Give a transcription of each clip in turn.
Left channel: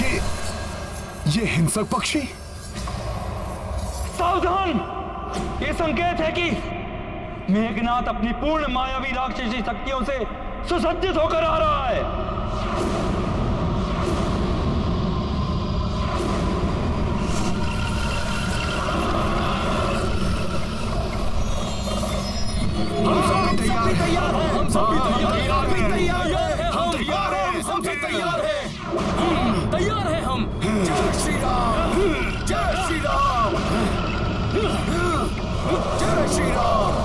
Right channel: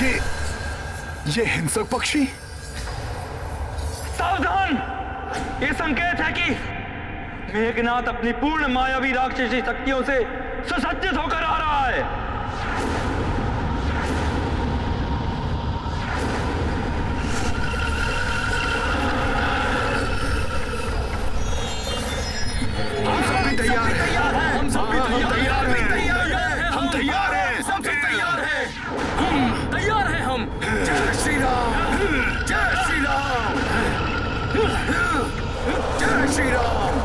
ये हिंसक पक्षी? सावधान! ये संकेत है कि मेघनाथ अपनी पूर्ण मायावी राक्षसी शक्तियों से सुसज्जित होकर आ रहा है। हम सब भी तैयार हैं। हम सब भी तैयार हैं। हम तैयार हैं। हम सब तैयार हैं। तैयार हैं हम। जय श्री राम, जय श्री राम, जय श्री राम।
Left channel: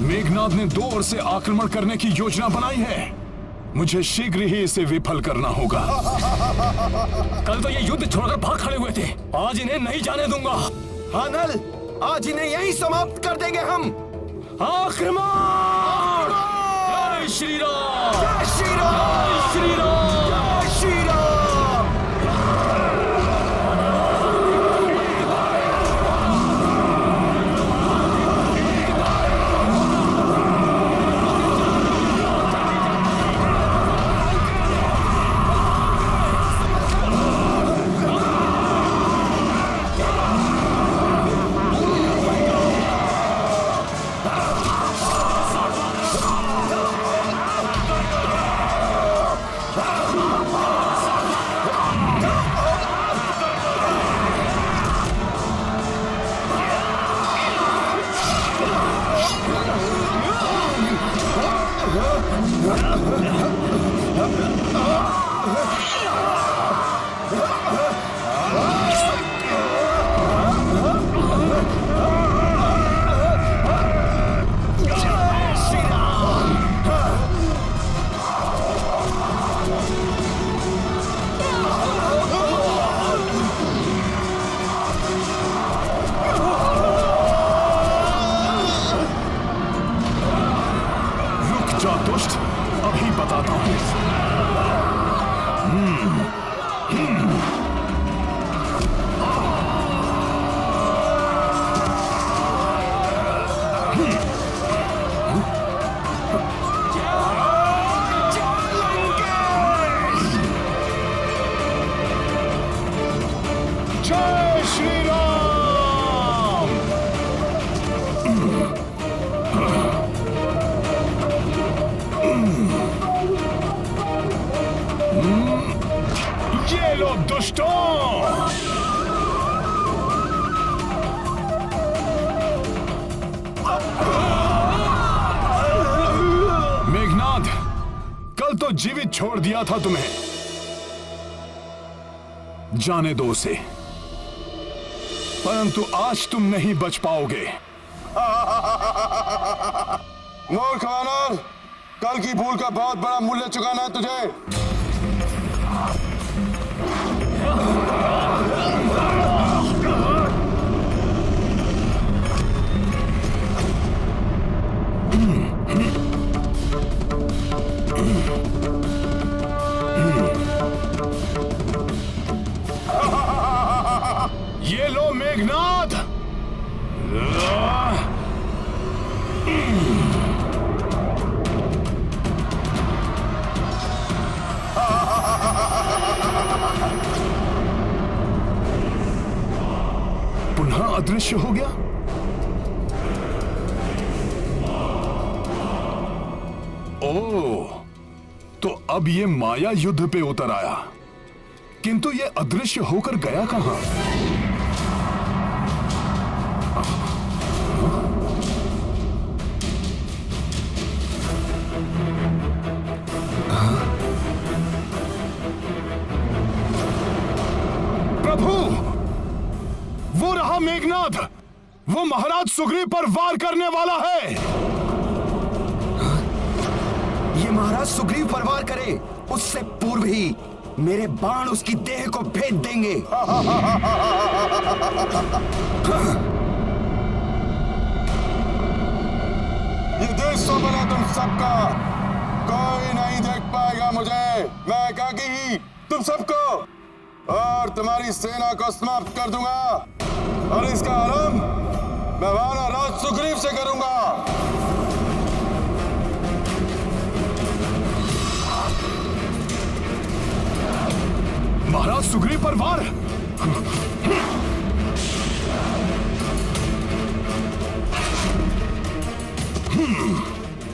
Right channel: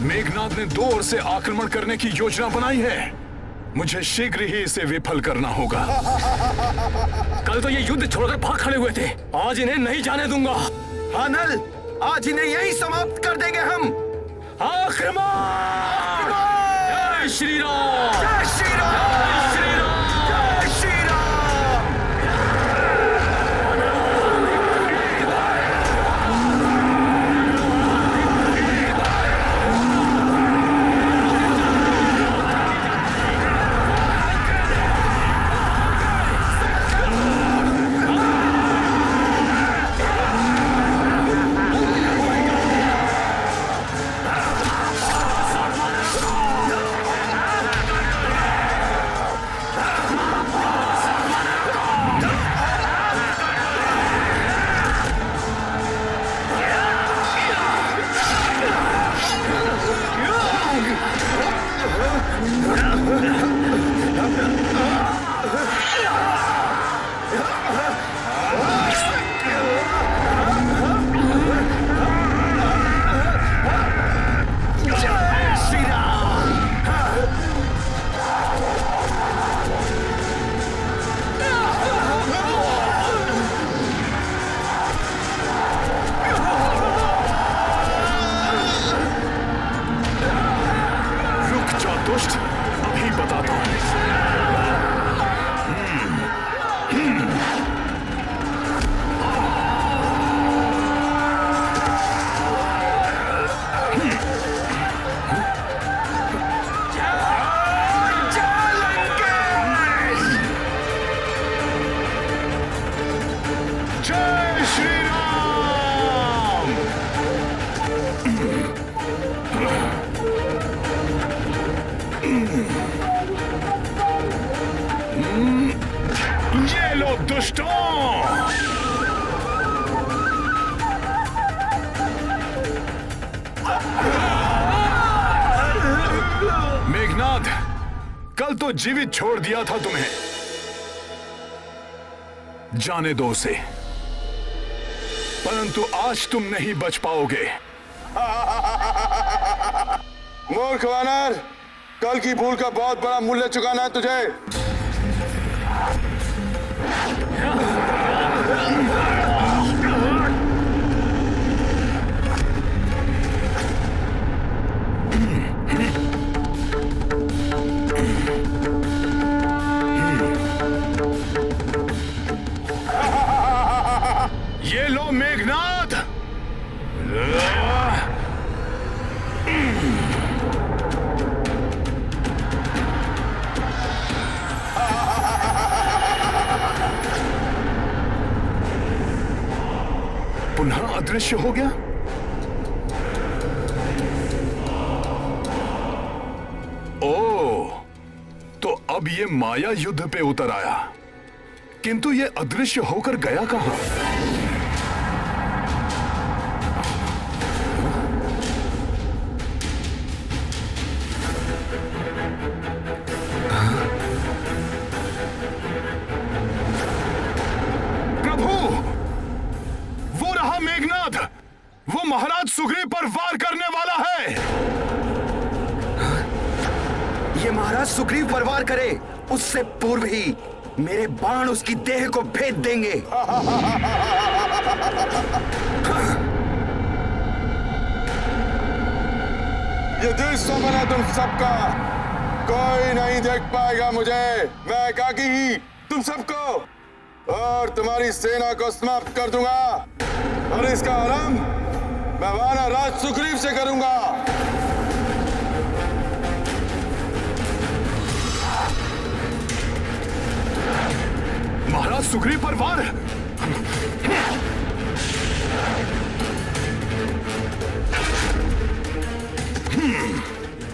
मेघनाद ने दो ओर से आक्रमण करने की योजना बनाई है। मुझे शीघ्र ही इसे विफल करना होगा। कल तो ये युद्ध छोड़कर भाग खड़े हुए थे, आज इन्हें नहीं जाने दूंगा। हाँ नल, आज इन्हें यहीं समाप्त कर देंगे हम। आक्रमण! जय श्री राम, जय श्री राम, जय श्री राम, जय श्री राम। दुष्ट, अभी बताता हूं। जय श्री राम। ये लो दुष्टों, मेघनाद, कल तो जीवित छोड़ दिया था तुम्हें, जाने दो उसे, परंतु आज तुम नहीं बच पाओगे। मूर्ख वानर, कल की भूल का बहुत बड़ा मूल्य चुकाना है तुझे। ये लो मेघनाद। पुनः अदृश्य हो गया। ओह, तो अब ये माया युद्ध पे उतर आया, किंतु ये अदृश्य होकर गया कहां? मेघनाद, वो महाराज सुग्रीव पर वार करने वाला है। ये महाराज सुग्रीव पर वार करे उससे पूर्व ही मेरे बाण उसकी देह को भेद देंगे। ये दिल स्वप्न है तुम सबका, कोई नहीं देख पाएगा मुझे। मैं एकाकी ही तुम सबको और तुम्हारी सेना को समाप्त कर दूंगा, और इसका आरंभ मैं वानर राज सुग्रीव से करूंगा। महाराज सुग्रीव पर वार।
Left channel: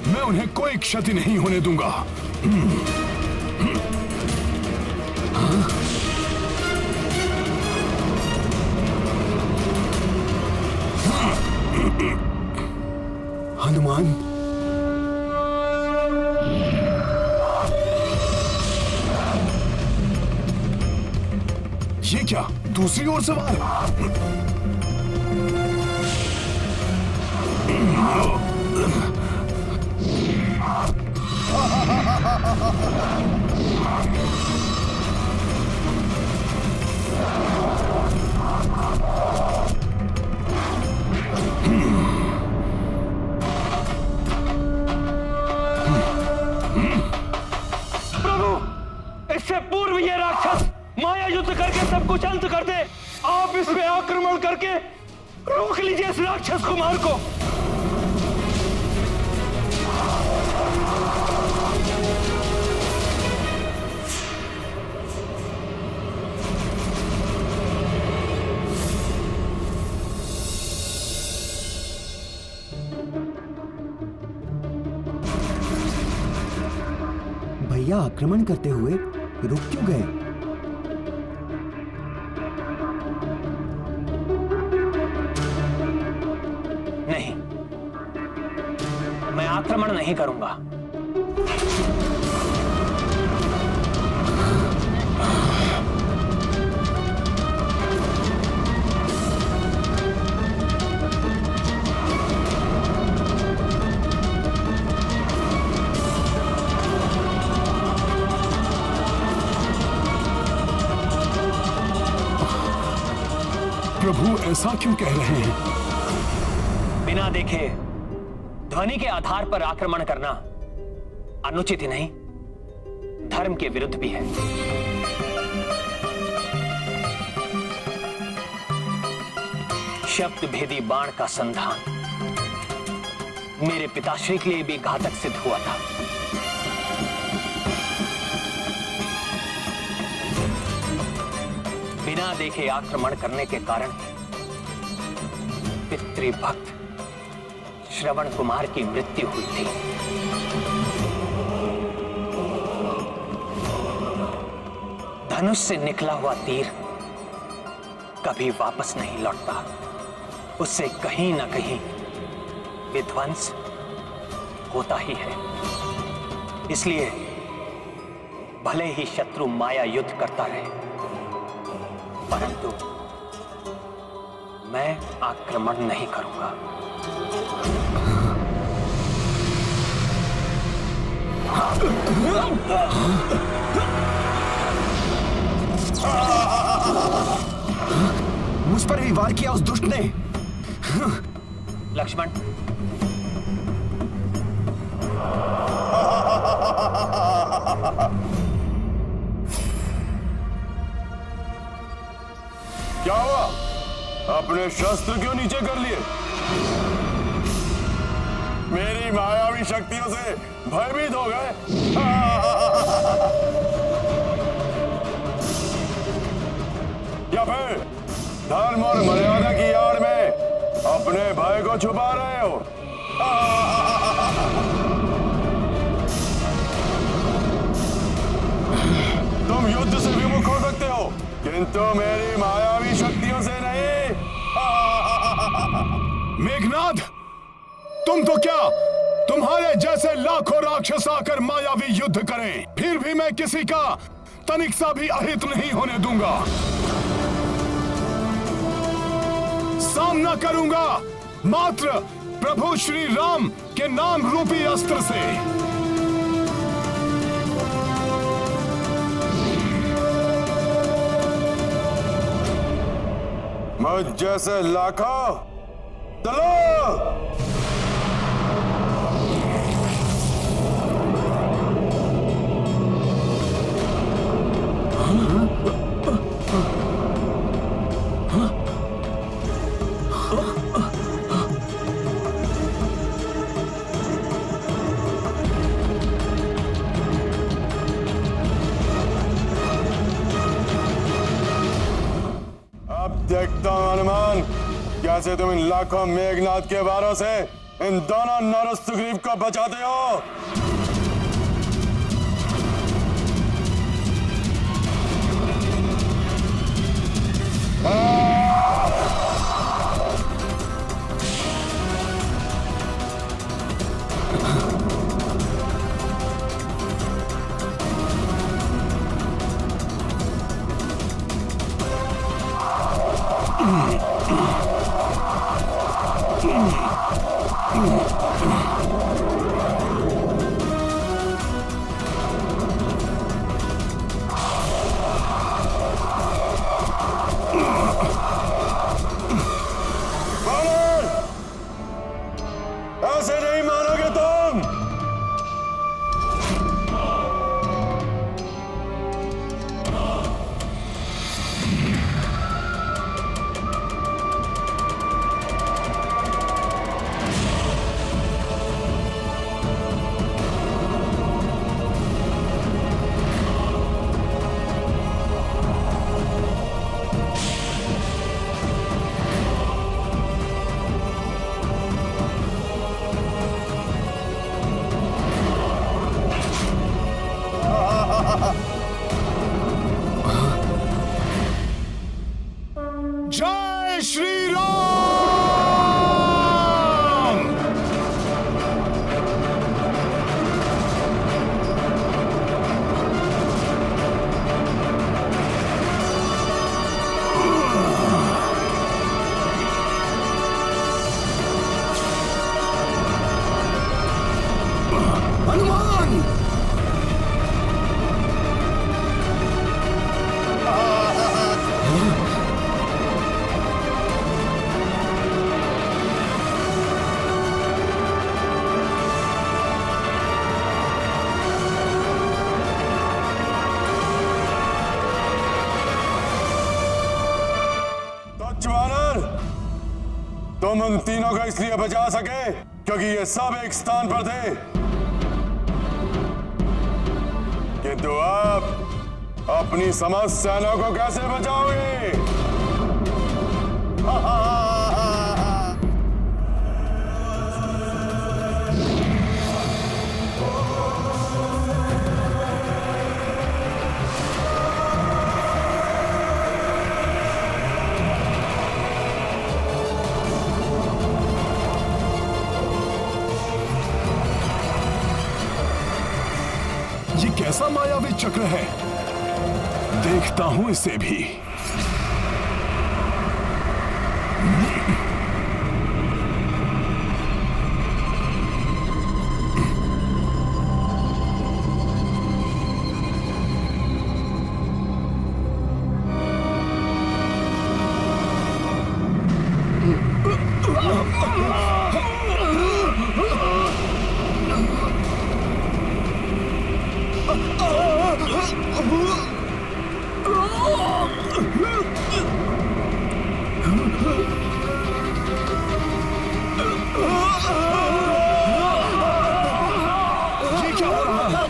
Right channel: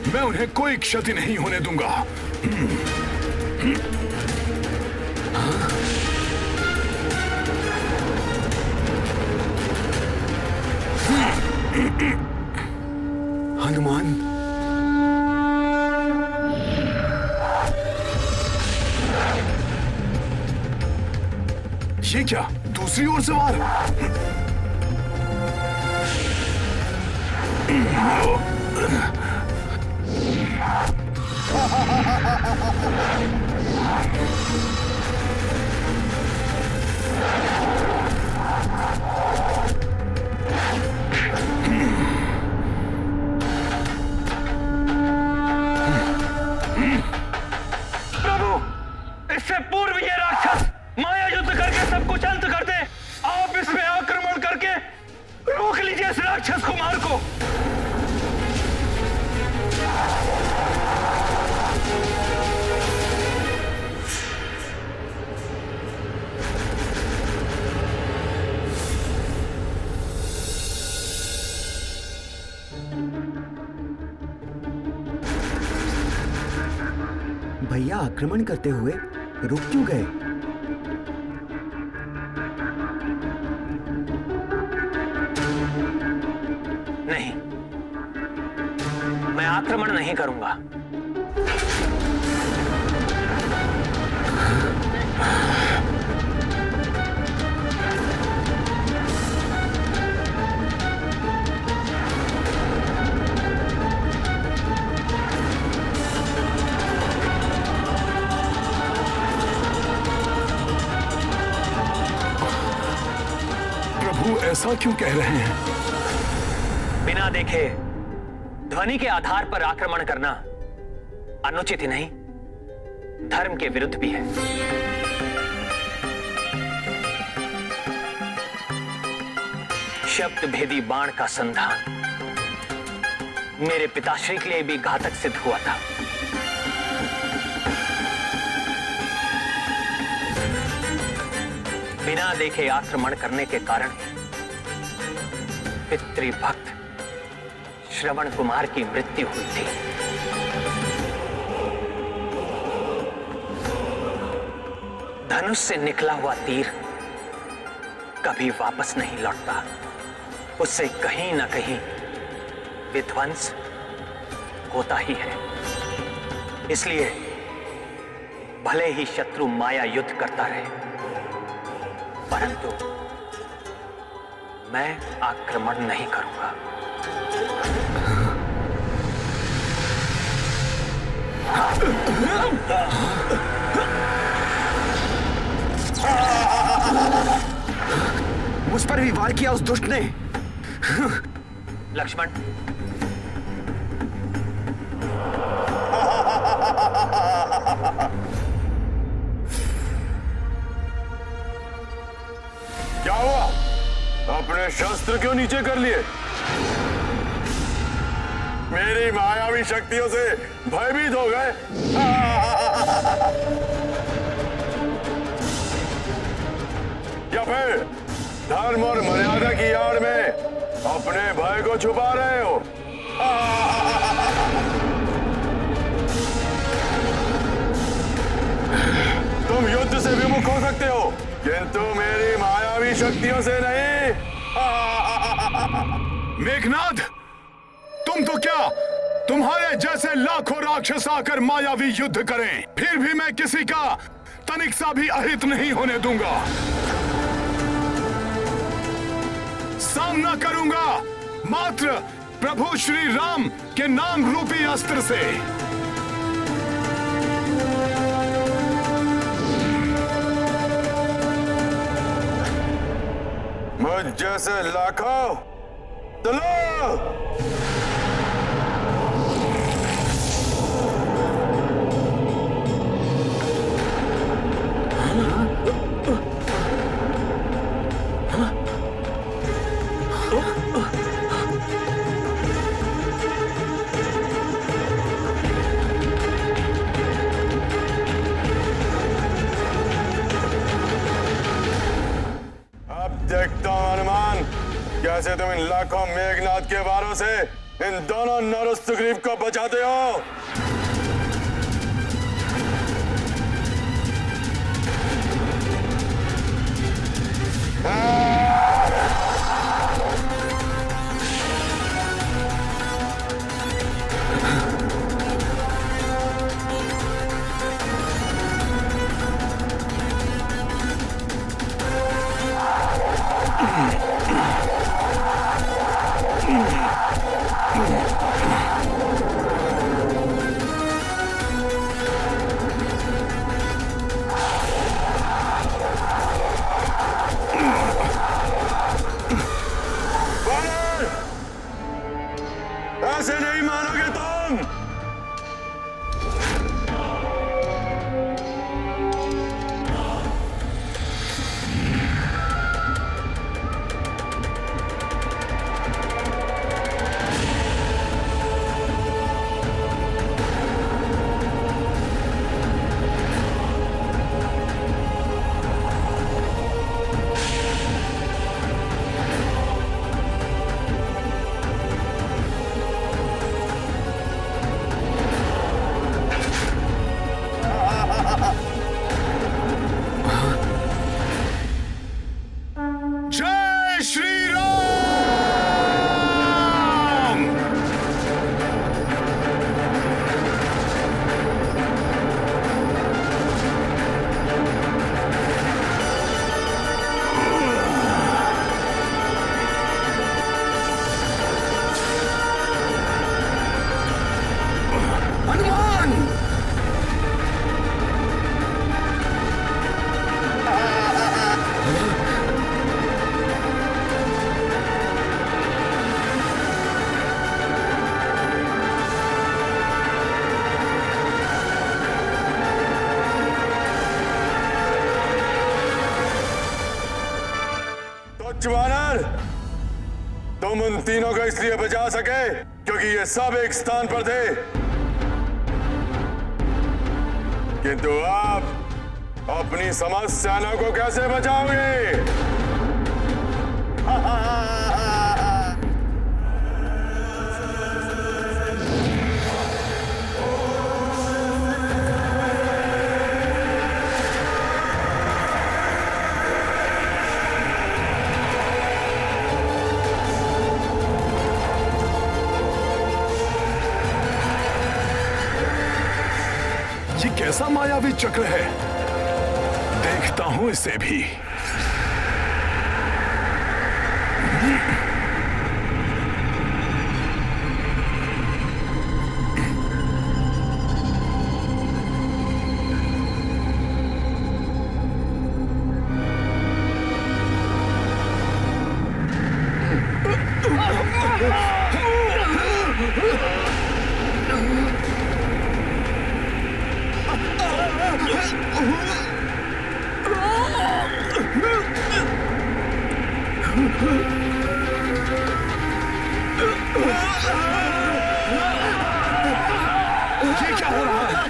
मैं उन्हें कोई क्षति नहीं होने दूंगा। हनुमान, ये क्या, दूसरी ओर से वार? प्रभु, इससे पूर्व ये राक्षस माया युद्ध करके सब कुछ अंत कर दे। आप इस पे आक्रमण करके रोक लीजिए इस राक्षस कुमार को। भैया आक्रमण करते हुए रुक क्यों गए? नहीं, मैं आक्रमण नहीं करूंगा। प्रभु ऐसा क्यों कह रहे हैं? बिना देखे ध्वनि के आधार पर आक्रमण करना अनुचित ही नहीं, धर्म के विरुद्ध भी है। शब्द भेदी बाण का संधान मेरे पिताश्री के लिए भी घातक सिद्ध हुआ था। बिना देखे आक्रमण करने के कारण पितृभक्त श्रवण कुमार की मृत्यु हुई थी। धनुष से निकला हुआ तीर कभी वापस नहीं लौटता, उससे कहीं ना कहीं विध्वंस होता ही है। इसलिए भले ही शत्रु माया युद्ध करता रहे, परंतु मैं आक्रमण नहीं करूंगा। मुझ पर भी वार किया उस दुष्ट ने। लक्ष्मण, क्या हुआ? अपने शस्त्र क्यों नीचे कर लिए? मेरी मायावी शक्तियों से भयभीत हो गए? या फिर धर्म और मर्यादा की आड़ में अपने भय को छुपा रहे हो? तुम युद्ध से विमुख हो सकते हो, किंतु मेरी मायावी शक्तियों से नहीं। मेघनाद, तुम तो क्या, तुम्हारे जैसे लाखों राक्षस आकर मायावी युद्ध करें, फिर भी मैं किसी का तनिक सा भी अहित नहीं होने दूंगा। सामना करूंगा मात्र प्रभु श्री राम के नाम रूपी अस्त्र से। मुझ जैसे लाखों चलो। अब देखता हूं हनुमान, कैसे तुम इन लाखों मेघनाथ के वारों से इन दोनों नर सुग्रीव को बचाते हो। वानर, ऐसे नहीं मानोगे तुम। जय श्री राम। हनुमान! वानर, तुम उन तीनों को इसलिए बचा सके क्योंकि ये सब एक स्थान पर थे, किंतु आप अपनी समस्त सेना को कैसे बचाओगे? ये कैसा मायावी चक्र है, देखता हूं इसे भी। ये क्या हो रहा है?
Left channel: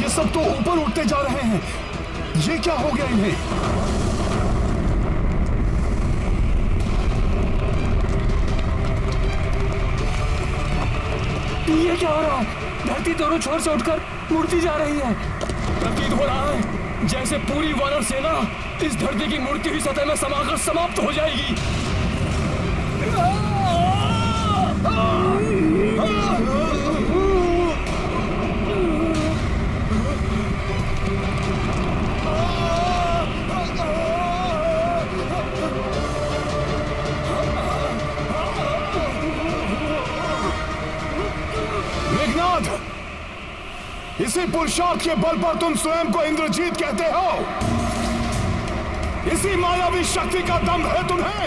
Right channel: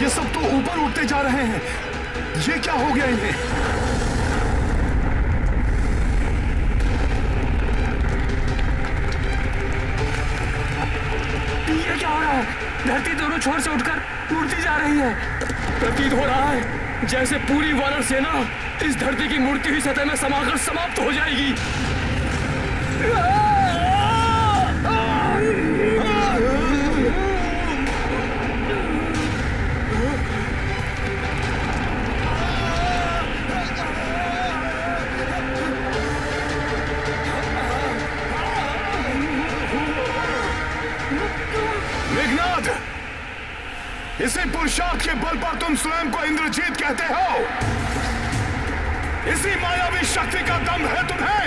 ये सब तो ऊपर उठते जा रहे हैं, ये क्या हो गया इन्हें? ये क्या हो रहा है? धरती दोनों छोर से उठकर मुड़ती जा रही है। प्रतीत हो रहा है जैसे पूरी वानर सेना इस धरती की मुड़ती हुई सतह में समाकर समाप्त हो जाएगी। मेघनाद, इसी पुरुषार्थ के बल पर तुम स्वयं को इंद्रजीत कहते हो। इसी मायावी शक्ति का दम है तुम्हें।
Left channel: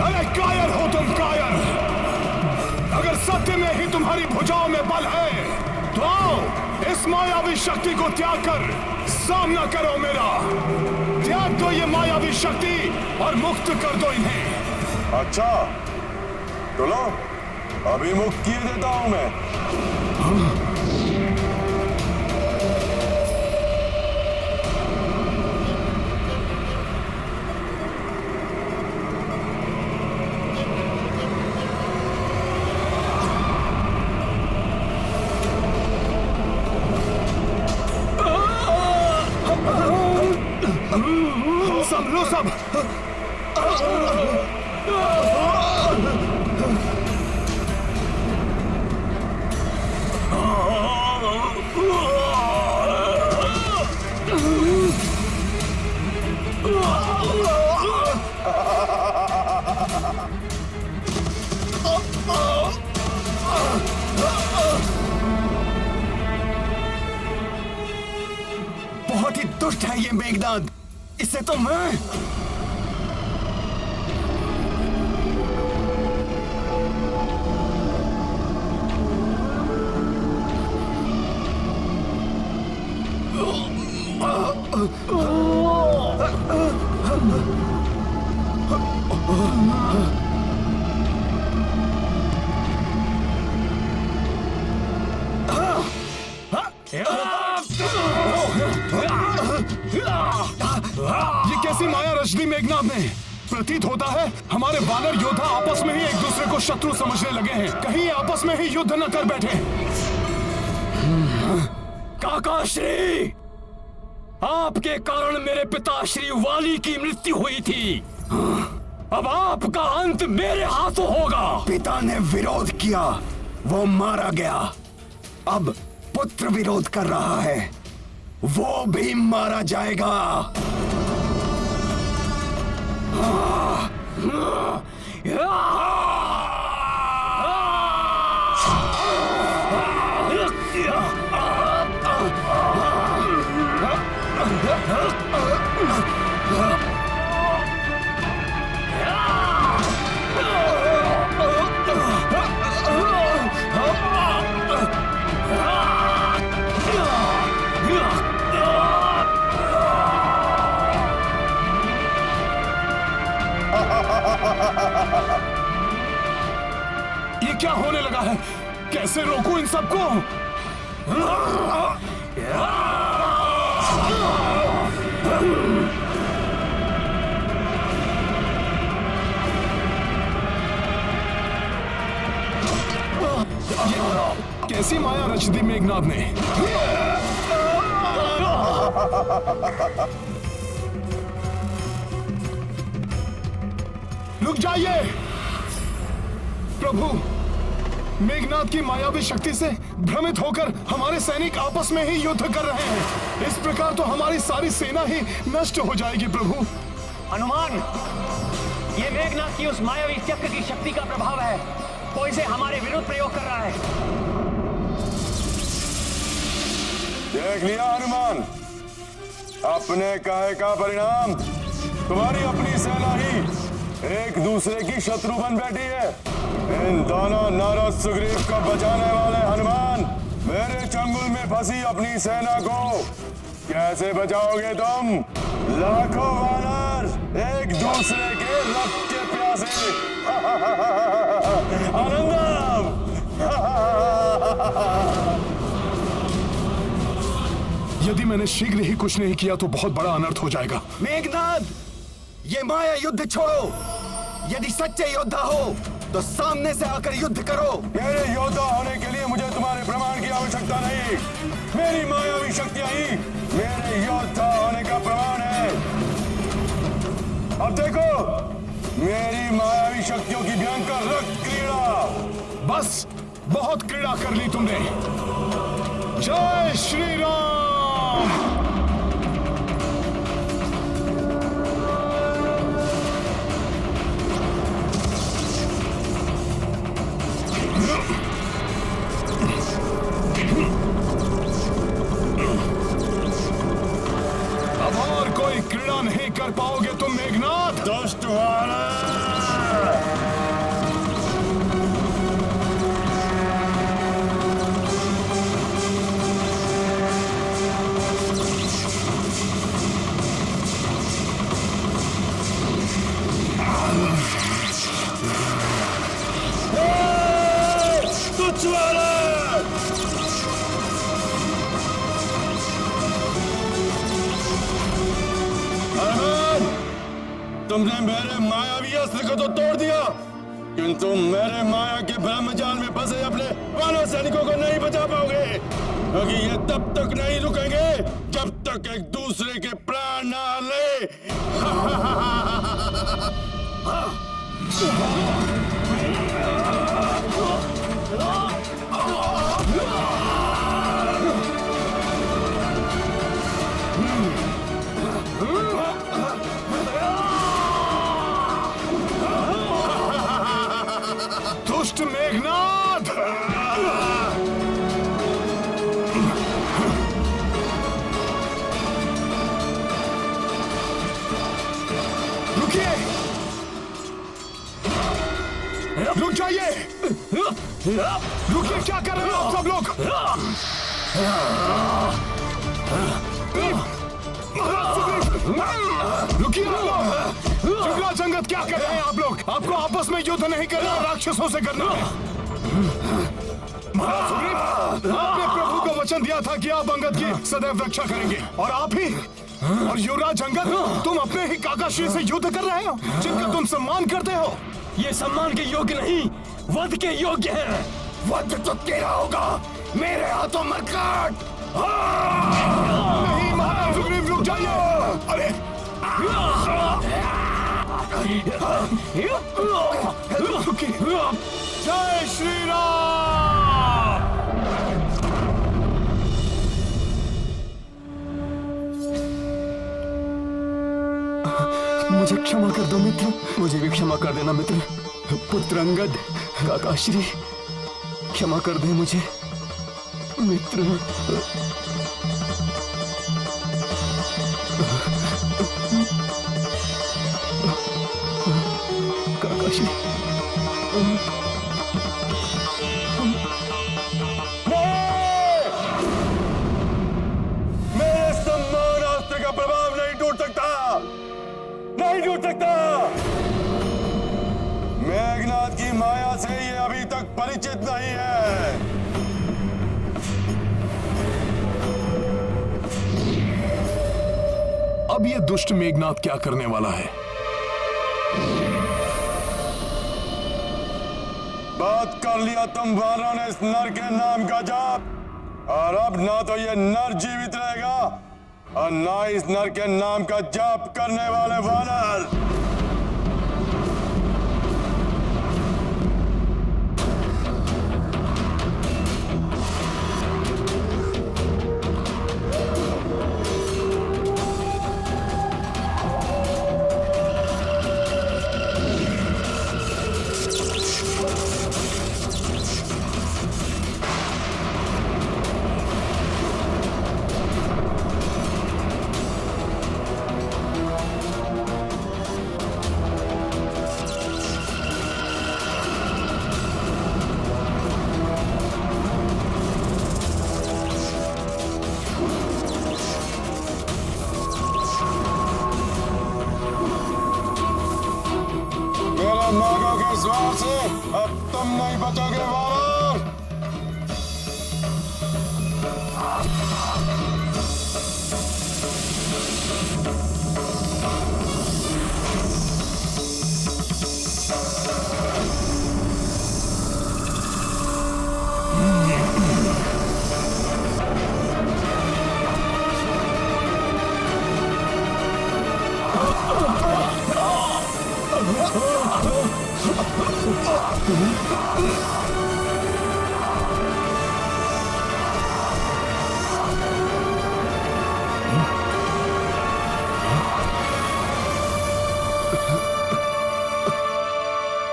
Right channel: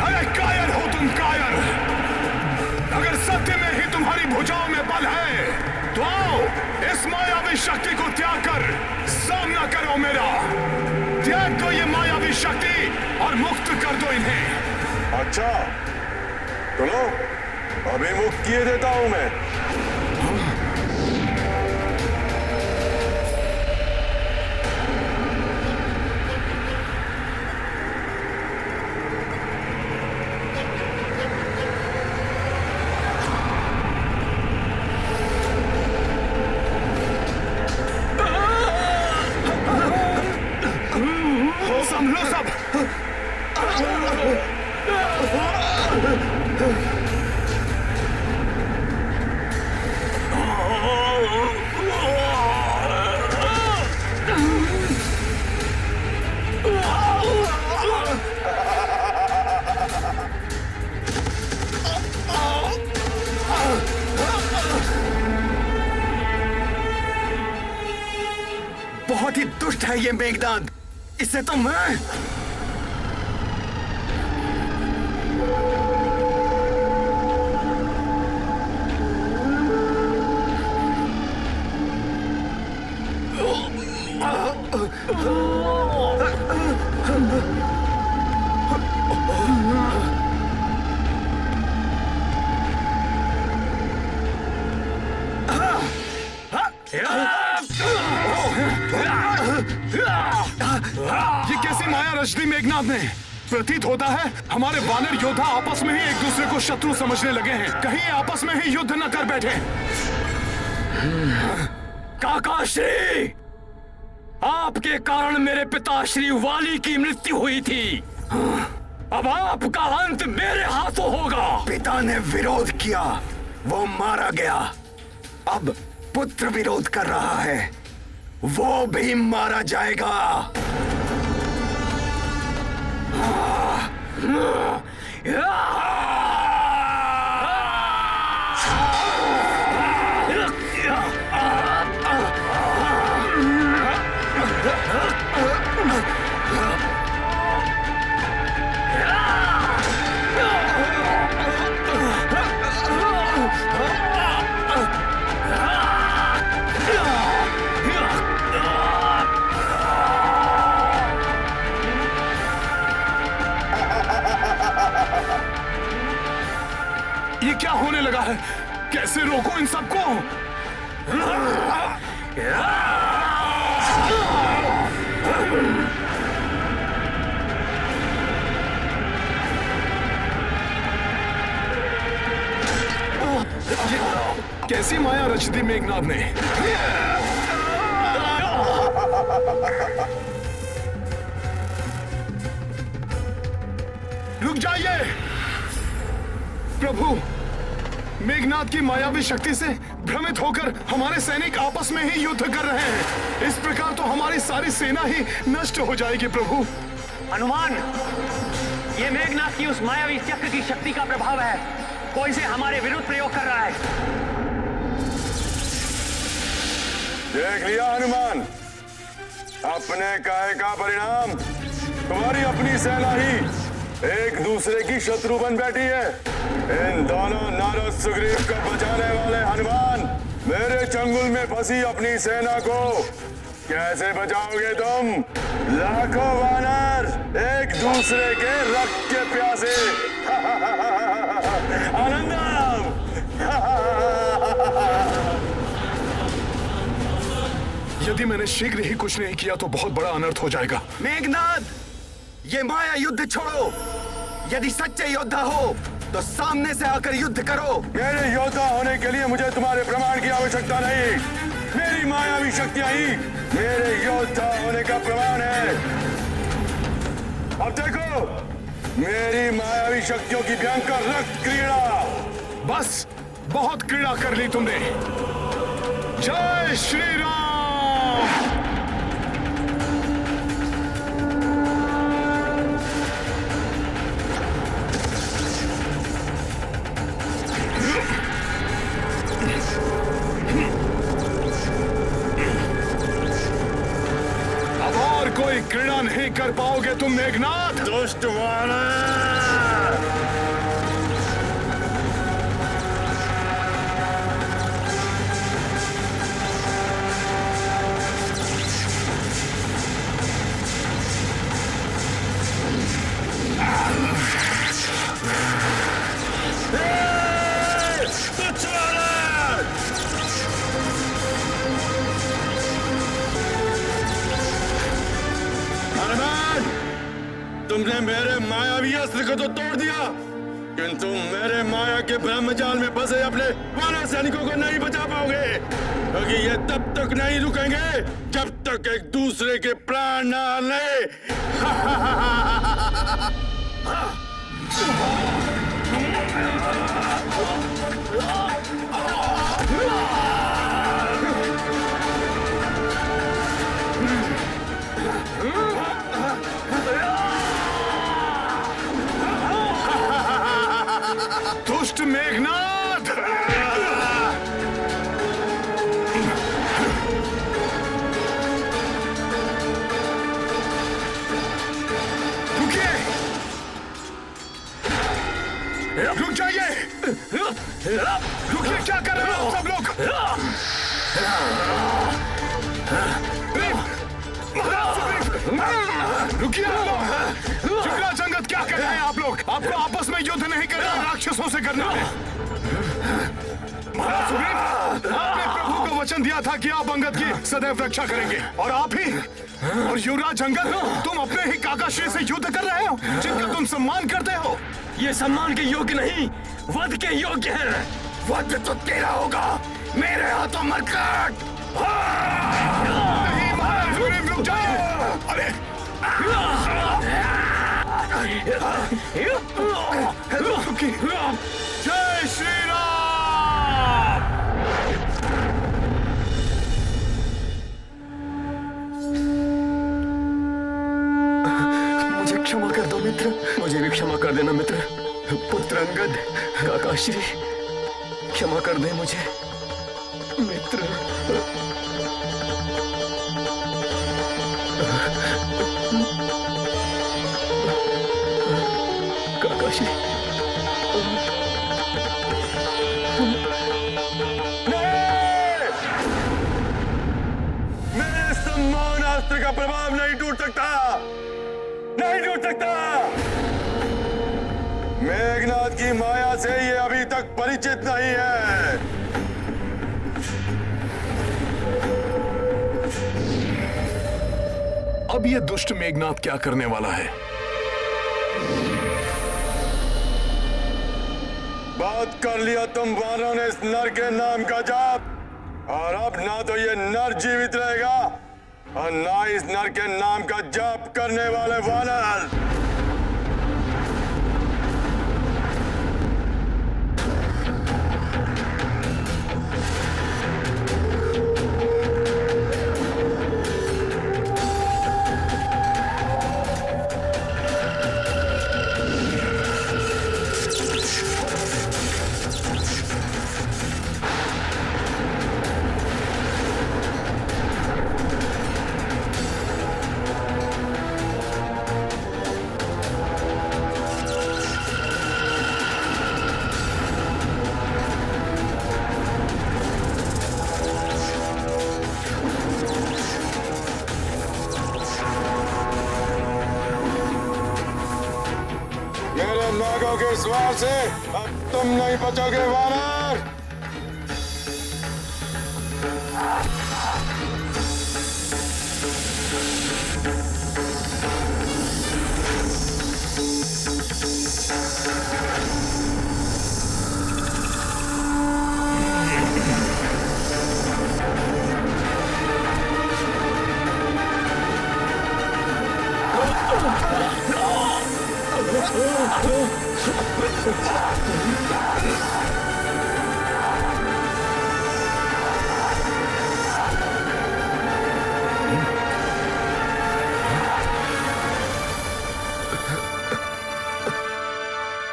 अरे कायर हो तुम, कायर। अगर सत्य में ही तुम्हारी भुजाओं में बल है तो आओ इस मायावी शक्ति को त्याग कर सामना करो मेरा। त्याग दो ये मायावी शक्ति और मुक्त कर दो इन्हें। अच्छा, तो लो, अभी मुक्त किए देता हूं मैं। संभलो सब। बहुत ही दुष्ट है ये मेघनाद। इसे तो मैं ये कैसी माया रच दी मेघनाद ने? प्रतीत होता है हमारे वानर योद्धा आपस में ही एक दूसरे को शत्रु समझने लगे हैं। कहीं ये आपस में ही युद्ध न कर बैठे। काकाश्री, आपके कारण मेरे पिताश्री वाली की मृत्यु हुई थी। अब आपका अंत मेरे हाथों होगा। पिता ने विरोध किया, वो मारा गया। अब पुत्र विरोध कर रहा है, वो भी मारा जाएगा। ये क्या होने लगा है? कैसे रोकूं इन सबको? कैसी माया रच दी मेघनाद ने? रुक जाइए प्रभु। मेघनाद की मायावी शक्ति से भ्रमित होकर हमारे सैनिक आपस में ही युद्ध कर रहे हैं। इस प्रकार तो हमारी सारी सेना ही नष्ट हो जाएगी प्रभु। हनुमान, ये मेघनाद की उस मायावी चक्र की शक्ति का प्रभाव है। वो इसे हमारे विरुद्ध प्रयोग कर रहा है। देख लिया हनुमान, अपने कहे का परिणाम। तुम्हारी अपनी सेना ही एक दूसरे की शत्रु बन बैठी है। इन दोनों नारद सुग्रीव को बचाने वाले हनुमान, मेरे चंगुल में फंसी अपनी सेना को कैसे बचाओगे तुम? लाखों वानर एक दूसरे के रक्त के प्यासे। आनंदम। यदि मैंने शीघ्र ही कुछ नहीं किया तो बहुत बड़ा अनर्थ हो जाएगा। मेघनाद, ये माया युद्ध छोड़ो। यदि सच्चे योद्धा हो तो सामने से आकर युद्ध करो। मेरे योद्धा होने के लिए मुझे तुम्हारे प्रमाण की आवश्यकता नहीं। मेरी मायावी शक्तियां ही मेरे योद्धा होने का प्रमाण है। अब देखो मेरी मायावी शक्तियों की भयंकर रक्त क्रीड़ा। बस बहुत क्रीड़ा कर ली तुमने। जय श्री राम। अब और कोई क्रीड़ा नहीं कर पाओगे तुम मेघनाथ। दुष्ट वानर! तुच्छ वानर! हनुमान, तुमने मेरे मायावी अस्त्र को तो तोड़ दिया, किंतु मेरे माया के ब्रह्मजाल में फंसे अपने वानर सैनिकों को नहीं बचा पाओगे, क्योंकि ये तब तक नहीं रुकेंगे जब तक एक दूसरे के प्राण न ले। दुष्ट मेघनाथ। रुकिए, रुक जाइए। रुकिए, क्या कर रहे हो आप सब लोग? रुकिए आप लोग। जुगला जंगत क्या कर रहे हैं आप लोग? आपको आपस में युद्ध नहीं करना, राक्षसों से करना है। महाराज सुग्रीव, आपने प्रभु को वचन दिया था कि आप अंगद की सदैव रक्षा करेंगे, और आप ही और युवराज अंगद तुम अपने ही काकाश्री से युद्ध कर रहे हो, जिनका तुम सम्मान करते हो। ये सम्मान के योग्य नहीं, वध के योग्य है। वध तो तेरा होगा, मेरे हाथों मरकट। नहीं महाराज सुग्रीव, रुक जाइए। अरे रुकिए। जय श्री राम। मुझे क्षमा कर दो मित्र, मुझे भी क्षमा कर देना मित्र। पुत्र अंगद, काकाश्री, क्षमा कर दे मुझे मित्र। काकाश्री, मेरे सम्मान अस्त्र का प्रभाव नहीं टूट सकता, नहीं टूट सकता। मेघनाथ की माया से ये अभी तक परिचित नहीं है। अब ये दुष्ट मेघनाथ क्या करने वाला है? बात कर लिया तुम वानरों ने इस नर के नाम का जाप, और अब ना तो ये नर जीवित रहेगा और ना इस नर के नाम का जाप करने वाले वानर। नागों के स्वार से अब तुम नहीं बचोगे वानर।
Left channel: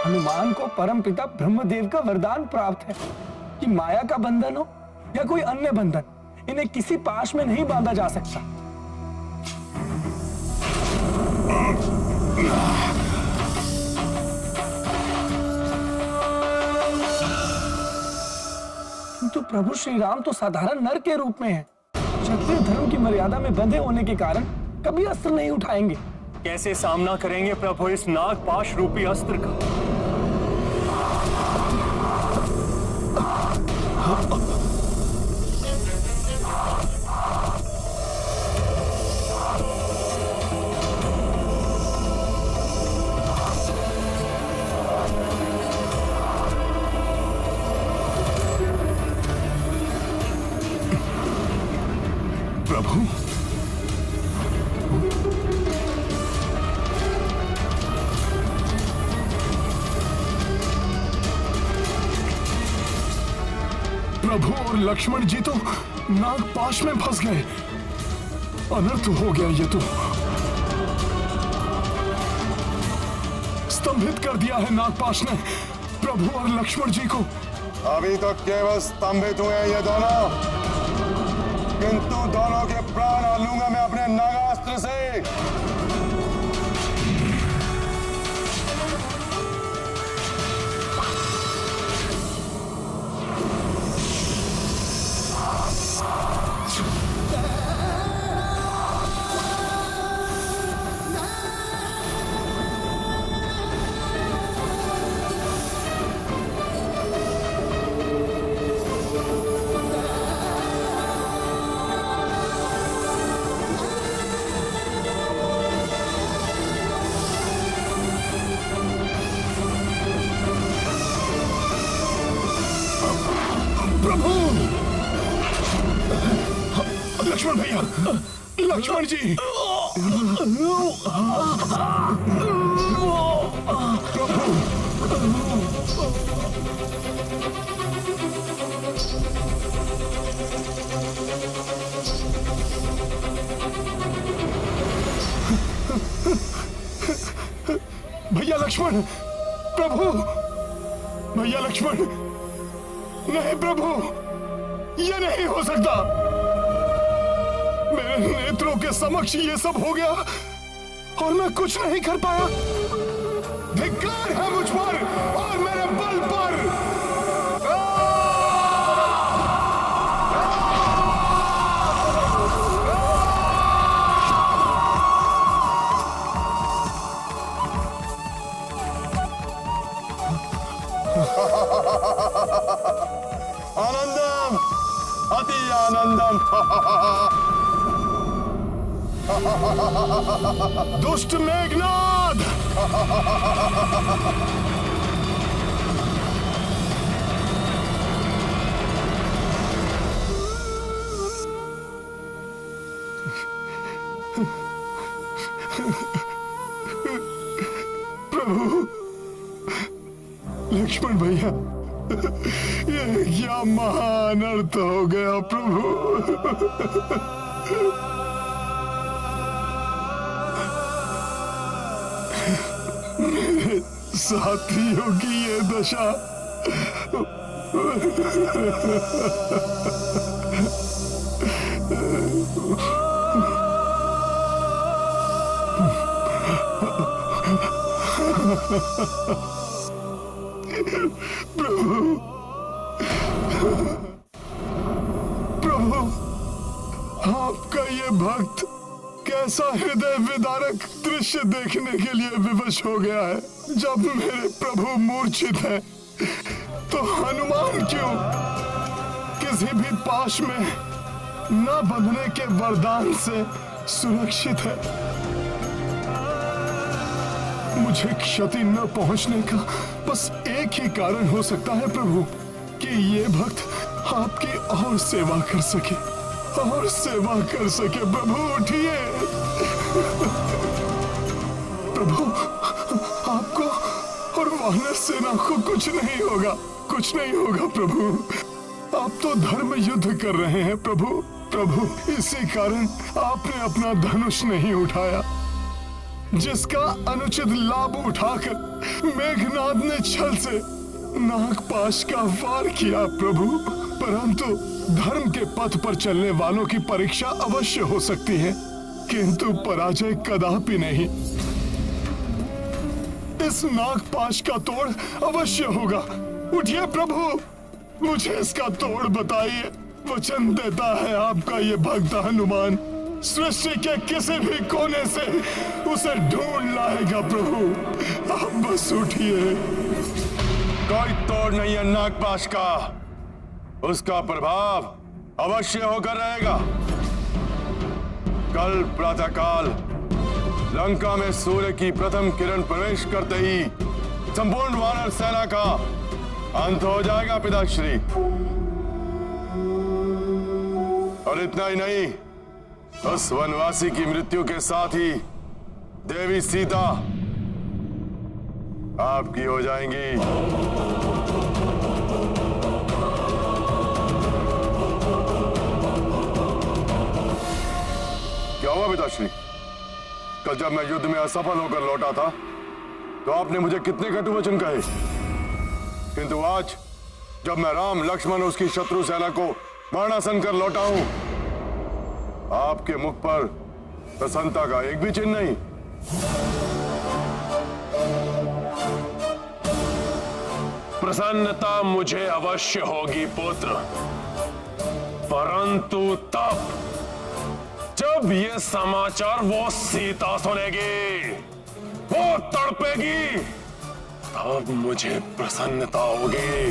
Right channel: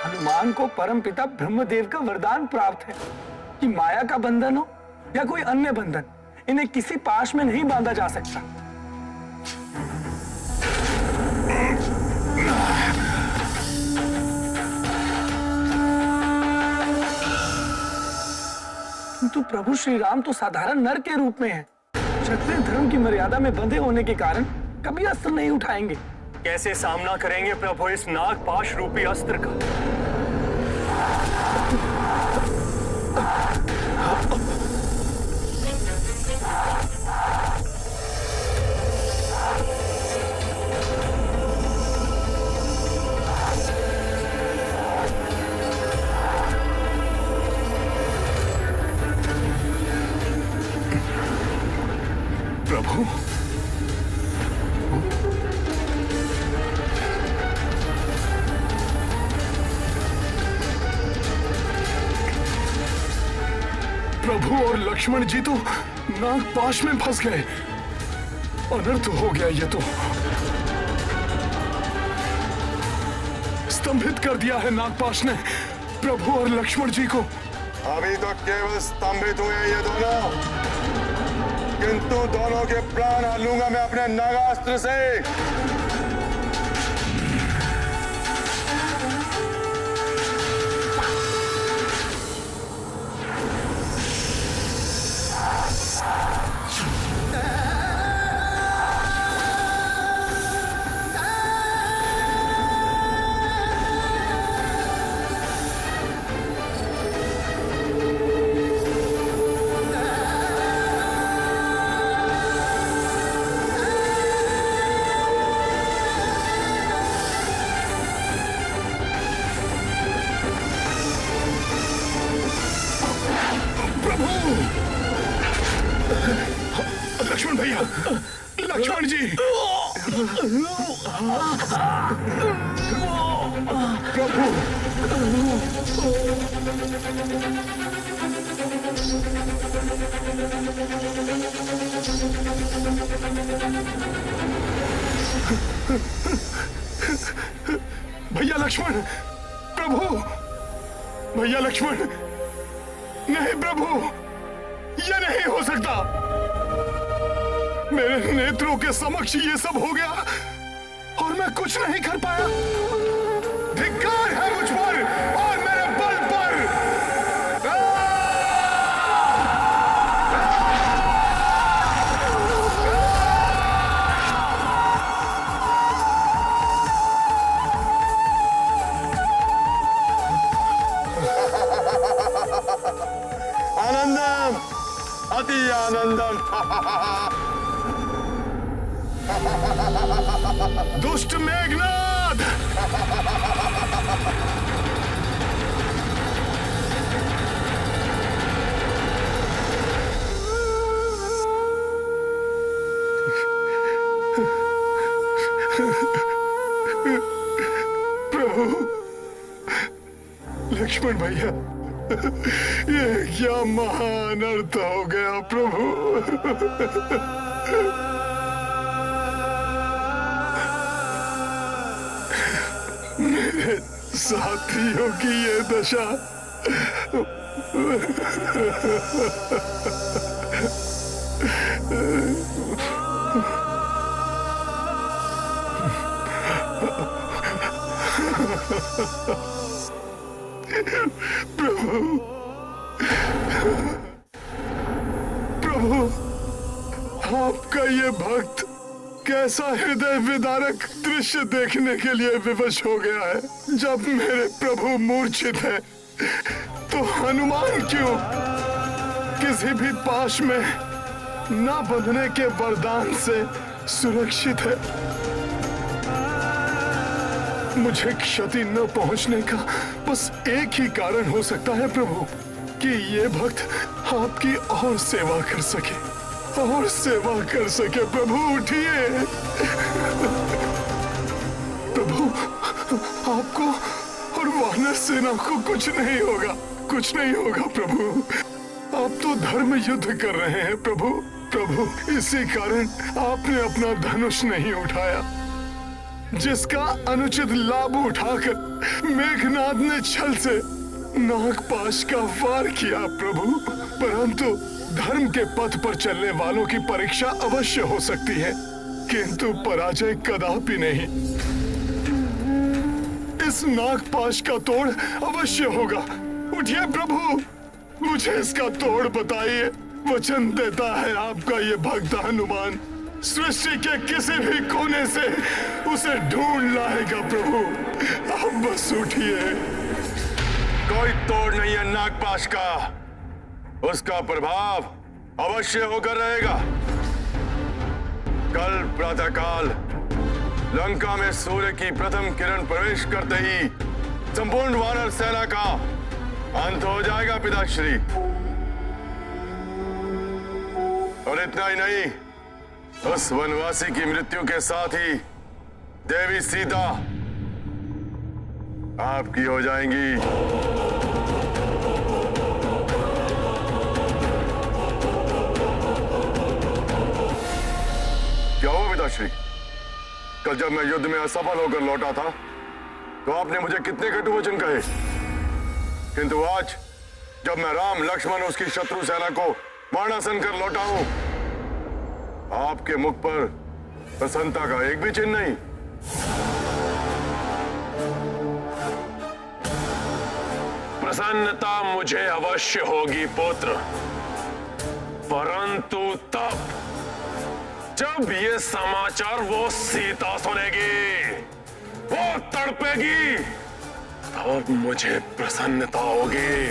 हनुमान को परमपिता ब्रह्मदेव का वरदान प्राप्त है कि माया का बंधन हो या कोई अन्य बंधन, इन्हें किसी पाश में नहीं बांधा जा सकता। किंतु प्रभु श्री राम तो साधारण नर के रूप में हैं। क्षत्रिय धर्म की मर्यादा में बंधे होने के कारण कभी अस्त्र नहीं उठाएंगे। कैसे सामना करेंगे प्रभु इस नागपाश रूपी अस्त्र का? प्रभु, प्रभु और लक्ष्मण जी तो नागपाश में फंस गए। अनर्थ हो गया ये तो। स्तंभित कर दिया है नागपाश ने प्रभु और लक्ष्मण जी को। अभी तो केवल स्तंभित हुए हैं ये दोनों, किंतु दोनों के प्राण हर लूंगा मैं अपने नागास्त्र से। लक्ष्मण भैया, लक्ष्मण जी, प्रभु, भैया लक्ष्मण, प्रभु, भैया लक्ष्मण, नहीं प्रभु, यह नहीं हो सकता। मेरे नेत्रों के समक्ष ये सब हो गया और मैं कुछ नहीं कर पाया। धिक्कार है मुझ पर और मेरे बल पर। आनंदम, अति आनंदम। दुष्ट मेघनाद, प्रभु, लक्ष्मण भैया, ये क्या महान अर्थ हो गया प्रभु। मेरे साथियों की ये दशा। प्रभु, प्रभु, आपका ये भक्त कैसा हृदय विदारक दृश्य देखने के लिए विवश हो गया है। जब मेरे प्रभु मूर्छित है तो हनुमान क्यों किसी भी पाश में न बंधने के वरदान से सुरक्षित है। मुझे क्षति न पहुंचने का बस एक ही कारण हो सकता है प्रभु, कि ये भक्त आपकी और सेवा कर सके, और सेवा कर सके। प्रभु उठिए, प्रभु, आप वानर सेना को कुछ नहीं होगा, कुछ नहीं होगा प्रभु। आप तो धर्म युद्ध कर रहे हैं प्रभु। प्रभु, इसी कारण आपने अपना धनुष नहीं उठाया, जिसका अनुचित लाभ उठाकर मेघनाद ने छल से नागपाश का वार किया प्रभु। परंतु धर्म के पथ पर चलने वालों की परीक्षा अवश्य हो सकती है, किंतु पराजय कदापि नहीं। इस नागपाश का तोड़ अवश्य होगा। उठिए प्रभु, मुझे इसका तोड़ बताइए। वचन देता है आपका ये भक्त हनुमान सृष्टि के किसी भी कोने से उसे ढूंढ लाएगा प्रभु। आप बस उठिए। कोई तोड़ नहीं है नागपाश का, उसका प्रभाव अवश्य होकर रहेगा। कल प्रातःकाल लंका में सूर्य की प्रथम किरण प्रवेश करते ही संपूर्ण वानर सेना का अंत हो जाएगा पिताश्री। और इतना ही नहीं, उस वनवासी की मृत्यु के साथ ही देवी सीता आपकी हो जाएंगी। क्या हुआ पिताश्री? कल जब मैं युद्ध में असफल होकर लौटा था तो आपने मुझे कितने कटु वचन कहे, किंतु आज जब मैं राम लक्ष्मण उसकी शत्रु सेना को मारणासन कर लौटा हूं, आपके मुख पर प्रसन्नता का एक भी चिन्ह नहीं। प्रसन्नता मुझे अवश्य होगी पुत्र, परंतु तब जब ये समाचार वो सीता सुनेगी, वो तड़पेगी, तब मुझे प्रसन्नता होगी।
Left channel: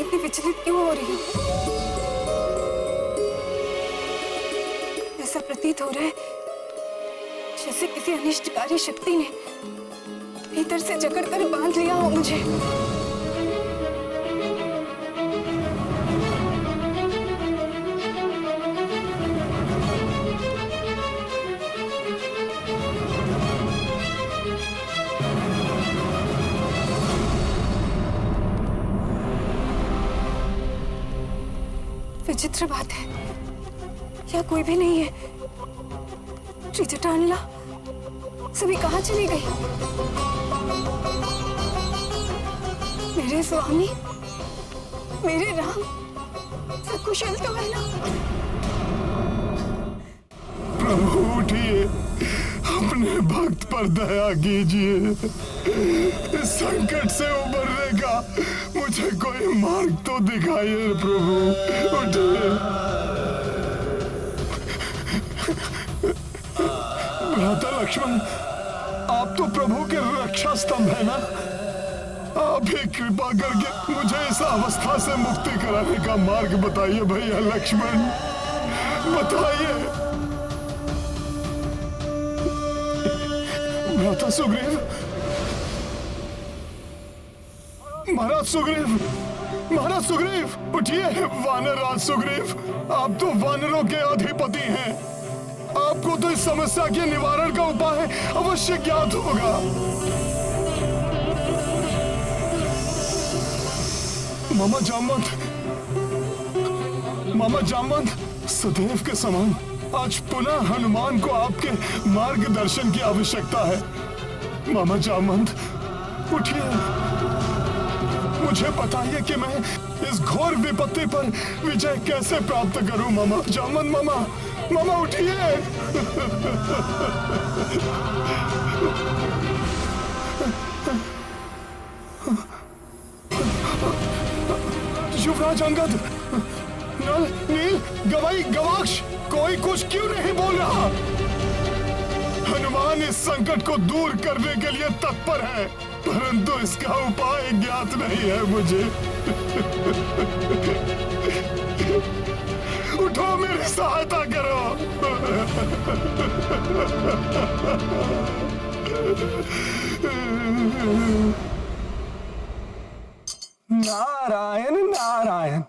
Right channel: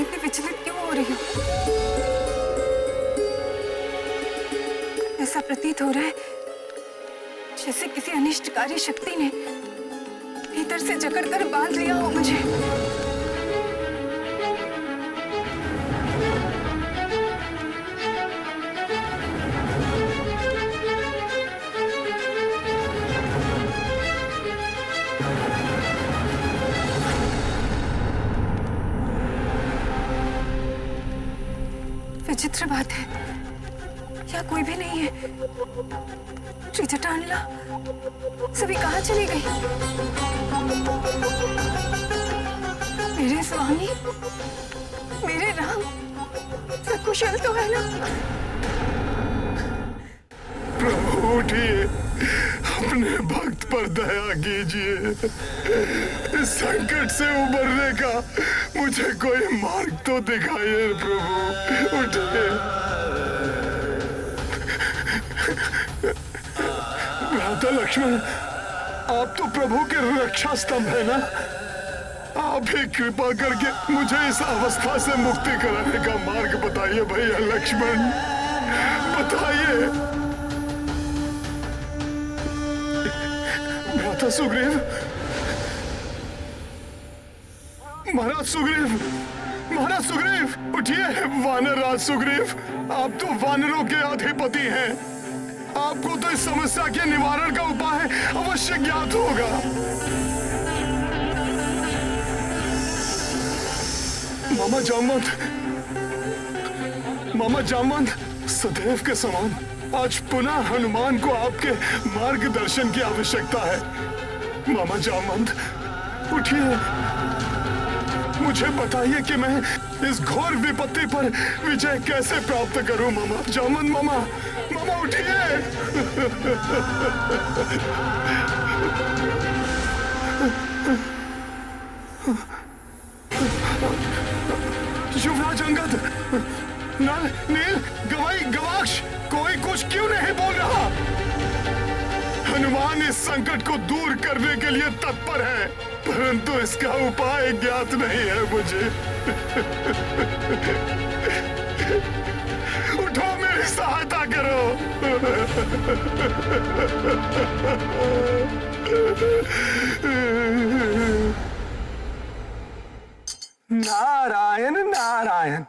इतनी विचलित क्यों हो रही हूँ? ऐसा प्रतीत हो रहा है जैसे किसी अनिष्टकारी शक्ति ने भीतर से जकड़कर बांध लिया हो मुझे। विचित्र बात है, यहाँ कोई भी नहीं है। त्रिजटानला सभी कहाँ चली गई? मेरे स्वामी, मेरे राम सकुशल तो है ना? प्रभु उठिए, अपने भक्त पर दया कीजिए। इस संकट से उबरने का मुझे कोई मार्ग तो दिखाइए प्रभु। उठिए। भ्राता लक्ष्मण, आप तो प्रभु के रक्षा स्तंभ है ना? आप ही कृपा करके मुझे इस अवस्था से मुक्ति कराने का मार्ग बताइए भैया लक्ष्मण, बताइए। भ्राता सुग्रीव, महाराज सुग्रीव, महाराज सुग्रीव, उठिए। वानर राज सुग्रीव, आप तो वानरों के अधिपति हैं, आपको तो इस समस्या के निवारण का उपाय अवश्य ज्ञात होगा। मामा जामवंत, मामा जामवंत, सदैव के समान आज पुनः हनुमान को आपके मार्गदर्शन की आवश्यकता है। मामा जामवंत, उठिए, मुझे बताइए कि मैं इस घोर विपत्ति पर विजय कैसे प्राप्त करूं। मामा जामवंत, मामा, मामा उठिए। युवराज अंगद, नल, नील, गवाई, गवाक्ष, कोई कुछ क्यों नहीं बोल रहा? हनुमान इस संकट को दूर करने के लिए तत्पर है, परंतु इसका उपाय ज्ञात नहीं है मुझे। उठो, मेरी सहायता करो। नारायण नारायण।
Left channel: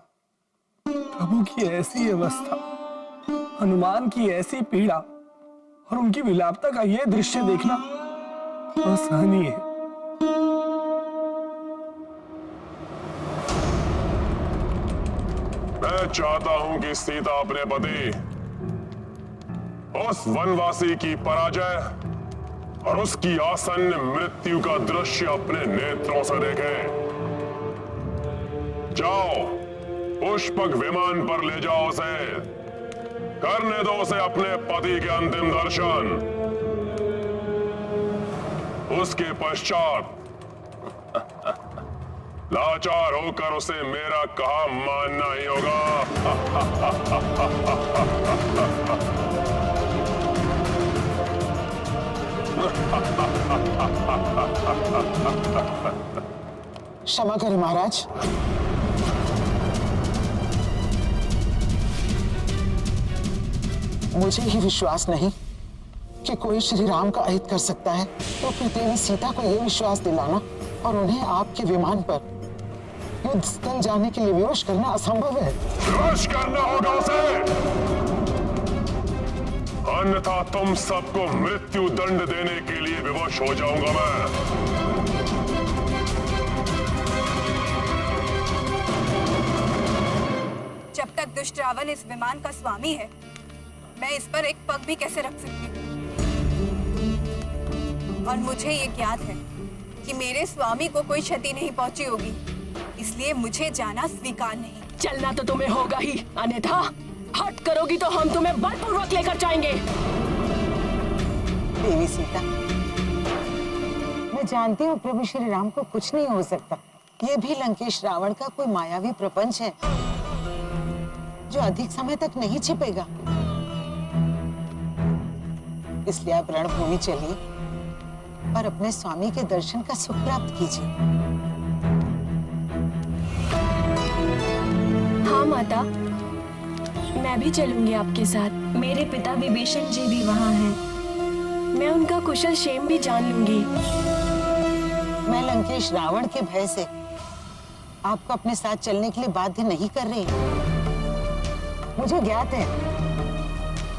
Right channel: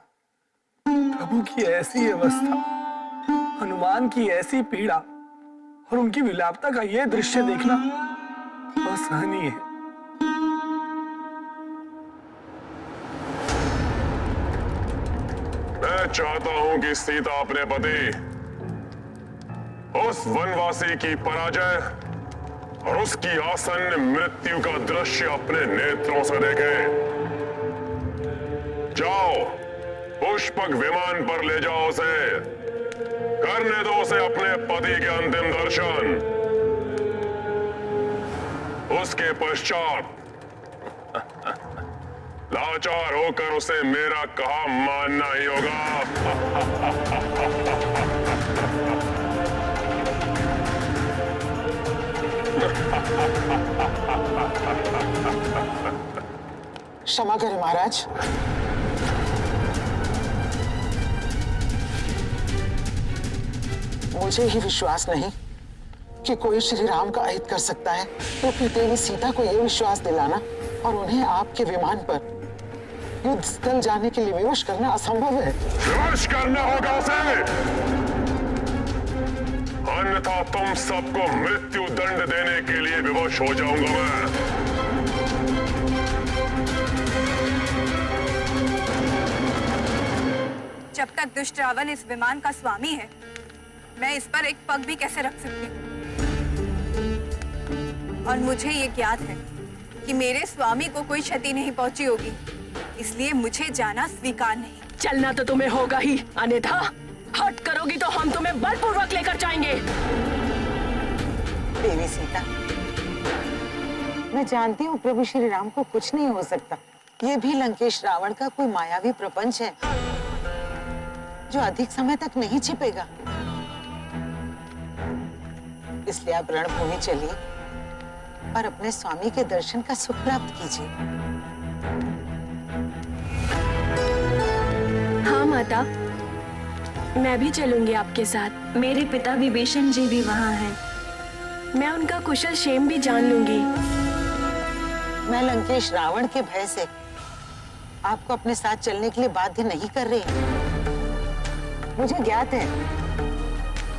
प्रभु की ऐसी अवस्था, हनुमान की ऐसी पीड़ा और उनकी विलापता का यह दृश्य देखना असहनीय है। मैं चाहता हूं कि सीता अपने पति उस वनवासी की पराजय और उसकी आसन्न मृत्यु का दृश्य अपने नेत्रों से देखे। जाओ, पुष्पक विमान पर ले जाओ उसे, करने दो उसे अपने पति के अंतिम दर्शन। उसके पश्चात लाचार होकर उसे मेरा कहा मानना ही होगा। क्षमा करें महाराज। मुझे ही विश्वास नहीं कि कोई श्री राम का अहित कर सकता है, तो फिर देवी सीता को यह विश्वास दिलाना और उन्हें आपके विमान पर युद्ध स्थल जाने के लिए विवश करना असंभव है। विवश करना होगा उसे, अन्यथा तुम सबको मृत्यु दंड देने के लिए विवश हो जाऊंगा मैं। जब तक दुष्ट रावण इस विमान का स्वामी है, मैं इस पर एक पग भी कैसे रख सकती हूँ? और मुझे ये ज्ञात है कि मेरे स्वामी को कोई क्षति नहीं पहुंची होगी, इसलिए मुझे जाना स्वीकार नहीं। चलना तो तुम्हें होगा ही, अन्यथा हट करोगी तो हम तुम्हें बलपूर्वक लेकर जाएंगे। देवी सीता, मैं जानती हूँ प्रभु श्री राम को कुछ नहीं हो सकता। ये भी लंकेश रावण का कोई मायावी प्रपंच है जो अधिक समय तक नहीं छिपेगा। इसलिए आप रणभूमि चलिए और अपने स्वामी के दर्शन का सुख प्राप्त कीजिए। हाँ माता, मैं भी चलूंगी आपके साथ। मेरे पिता विभीषण जी भी वहाँ हैं। मैं उनका कुशल क्षेम भी जान लूंगी। मैं लंकेश रावण के भय से आपको अपने साथ चलने के लिए बाध्य नहीं कर रही। मुझे ज्ञात है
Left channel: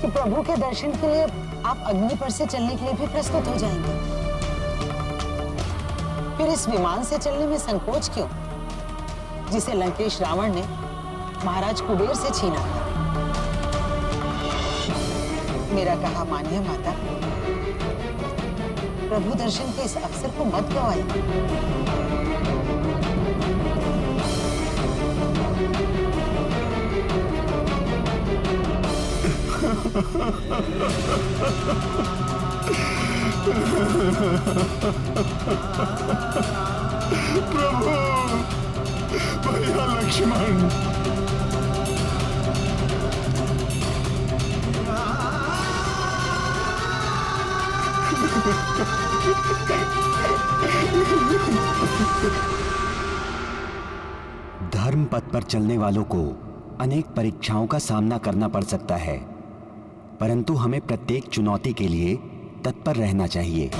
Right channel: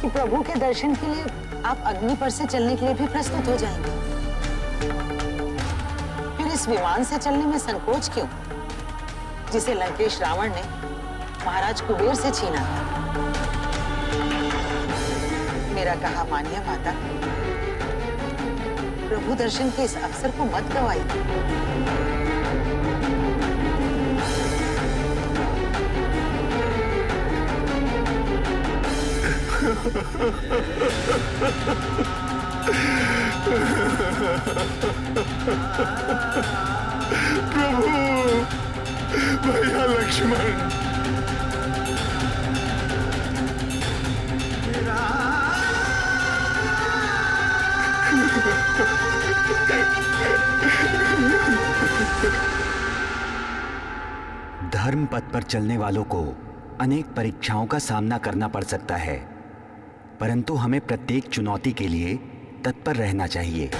कि प्रभु के दर्शन के लिए आप अग्नि पर से चलने के लिए भी प्रस्तुत हो जाएंगे। फिर इस विमान से चलने में संकोच क्यों, जिसे लंकेश रावण ने महाराज कुबेर से छीना था? मेरा कहा मानिए माता, प्रभु दर्शन के इस अवसर को मत गवाइए। प्रभु, भैया लक्ष्मण, धर्म पथ पर चलने वालों को अनेक परीक्षाओं का सामना करना पड़ सकता है, परंतु हमें प्रत्येक चुनौती के लिए तत्पर रहना चाहिए।